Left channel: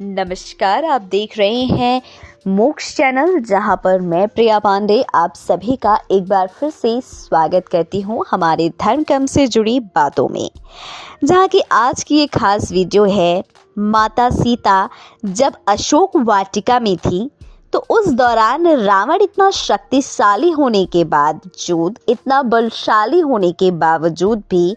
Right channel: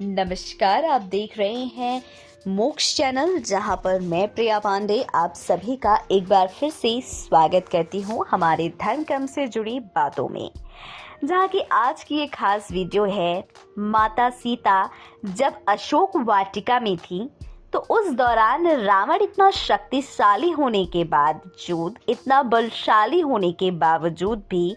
नमस्कार, आप देख रहे हैं मोक्ष चैनल, जहां पर मैं प्रिया पांडे आप सभी का एक बार फिर से स्वागत करती हूं हमारे धर्म कर्म से जुड़ी बातों में। जहां की आज की ये खास वीडियो है, माता सीता जब अशोक वाटिका में थी तो उस दौरान रावण इतना शक्तिशाली होने के बावजूद, इतना बलशाली होने के बावजूद भी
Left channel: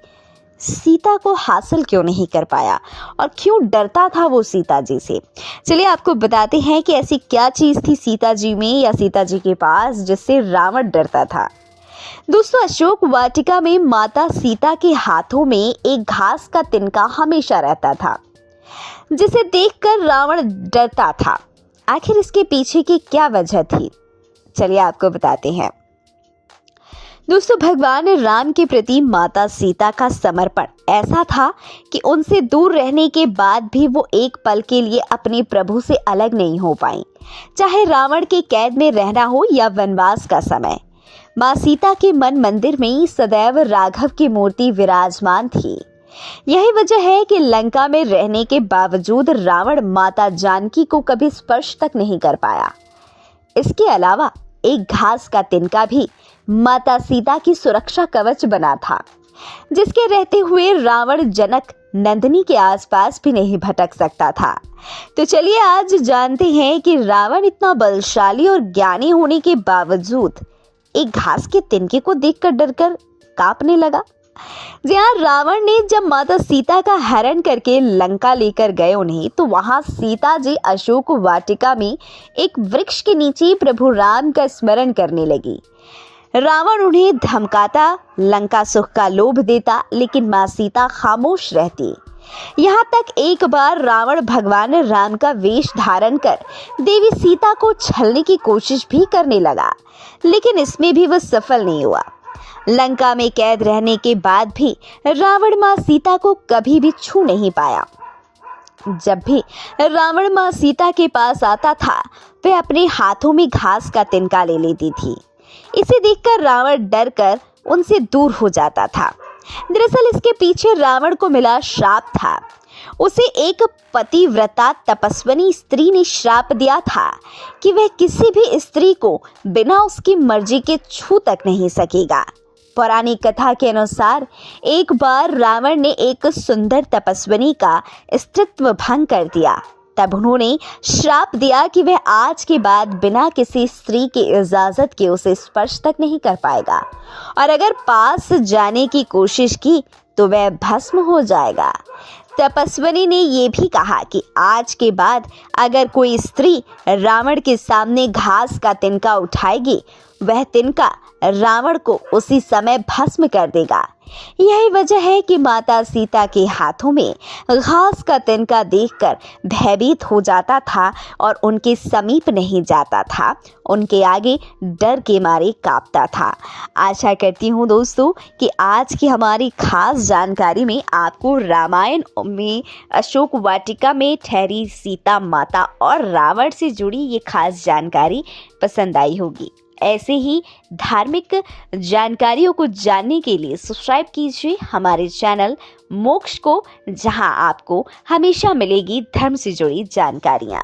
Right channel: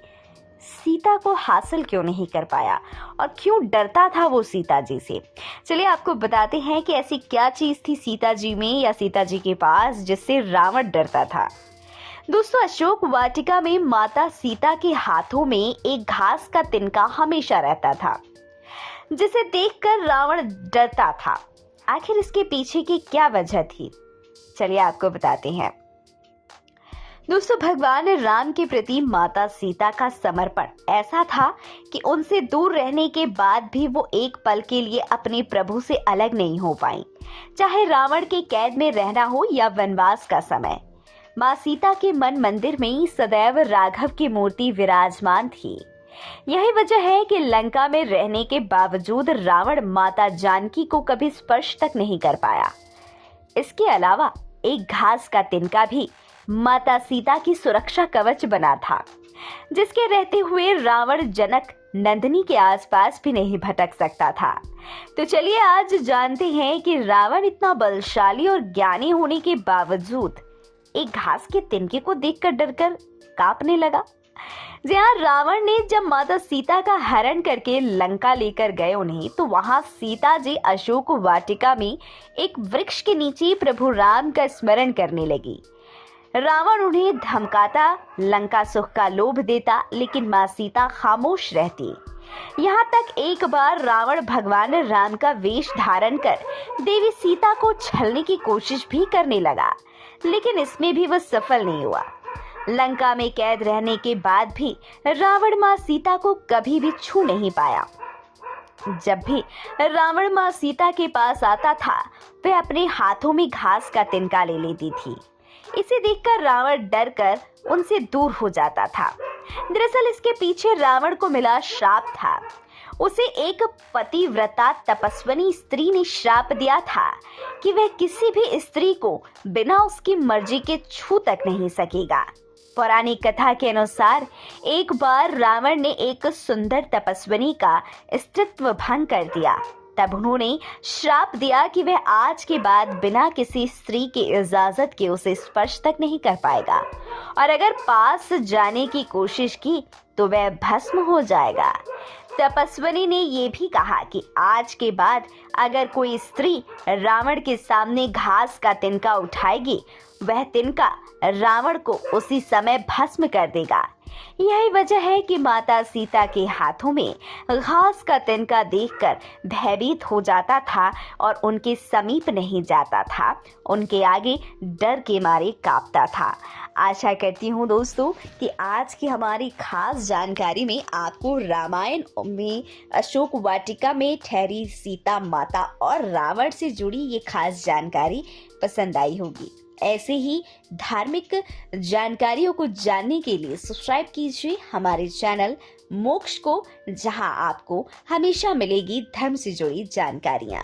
सीता को हासिल क्यों नहीं कर पाया और क्यों डरता था वो सीता जी से। चलिए आपको बताते हैं कि ऐसी क्या चीज थी सीता जी में या सीता जी के पास जिससे रावण डरता था। दोस्तों, अशोक वाटिका में माता सीता के हाथों में एक घास का तिनका हमेशा रहता था जिसे देखकर रावण डरता था। आखिर इसके पीछे की क्या वजह थी, चलिए आपको बताते हैं। दोस्तों, भगवान राम के प्रति माता सीता का समर्पण ऐसा था कि उनसे दूर रहने के बाद भी वो एक पल के लिए अपने प्रभु से अलग नहीं हो पाई, चाहे रावण के कैद में रहना हो या वनवास का समय। माँ सीता के मन मंदिर में सदैव राघव की मूर्ति विराजमान थी। यही वजह है कि लंका में रहने के बावजूद रावण माता जानकी को कभी स्पर्श तक नहीं कर पाया। इसके अलावा एक घास का तिनका भी माता सीता की सुरक्षा कवच बना था, जिसके रहते हुए रावण जनक नंदिनी के आसपास भी नहीं भटक सकता था। तो चलिए आज जानते हैं कि रावण इतना बलशाली और ज्ञानी होने के बावजूद एक घास के तिनके को देखकर डरकर कांपने लगा। जी हाँ, रावण ने जब माता सीता का हरण करके लंका लेकर गए उन्हें, तो वहां सीता जी अशोक वाटिका में एक वृक्ष के नीचे प्रभु राम का स्मरण करने लगी। रावण उन्हें धमकाता, लंका सुख का लोभ देता, लेकिन माँ सीता खामोश रहती। यहाँ तक एक बार रावण भगवान राम का वेश धारण कर देवी सीता को छलने की कोशिश भी करने लगा, लेकिन इसमें भी वह सफल नहीं हुआ। लंका में कैद रहने के बाद भी रावण माँ सीता को कभी भी छू नहीं पाया। जब भी रावण माँ सीता के पास आता था, वह अपने हाथों में घास का तिनका ले लेती थी। इसे देखकर रावण डरकर उनसे दूर हो जाता था। दरअसल इसके पीछे रावण को मिला श्राप था। उसे एक पतिव्रता तपस्विनी स्त्री ने श्राप दिया था कि वह किसी भी स्त्री को बिना उसकी मर्जी के छू तक नहीं सकेगा। पौराणिक कथा के अनुसार एक बार रावण ने एक सुंदर तपस्विनी का स्त्रीत्व भंग कर दिया। तब उन्होंने श्राप दिया कि वह आज के बाद बिना किसी स्त्री की इजाजत के उसे स्पर्श तक नहीं कर पाएगा, और अगर पास जाने की कोशिश की तो वह भस्म हो जाएगा। तपस्विनी ने यह भी कहा कि आज के बाद अगर कोई स्त्री रावण के सामने घास का तिनका उठाएगी, वह तिनका रावण को उसी समय भस्म कर देगा। यही वजह है कि माता सीता के हाथों में घास का तिनका देखकर भयभीत हो जाता था और उनके समीप नहीं जाता था, उनके आगे डर के मारे कांपता था। आशा करती हूँ दोस्तों कि आज की हमारी खास जानकारी में आपको रामायण में अशोक वाटिका में ठहरी सीता माता और रावण से जुड़ी ये खास जानकारी पसंद आई होगी। ऐसे ही धार्मिक जानकारियों को जानने के लिए सब्सक्राइब कीजिए हमारे चैनल मोक्ष को, जहां आपको हमेशा मिलेगी धर्म से जुड़ी जानकारियां।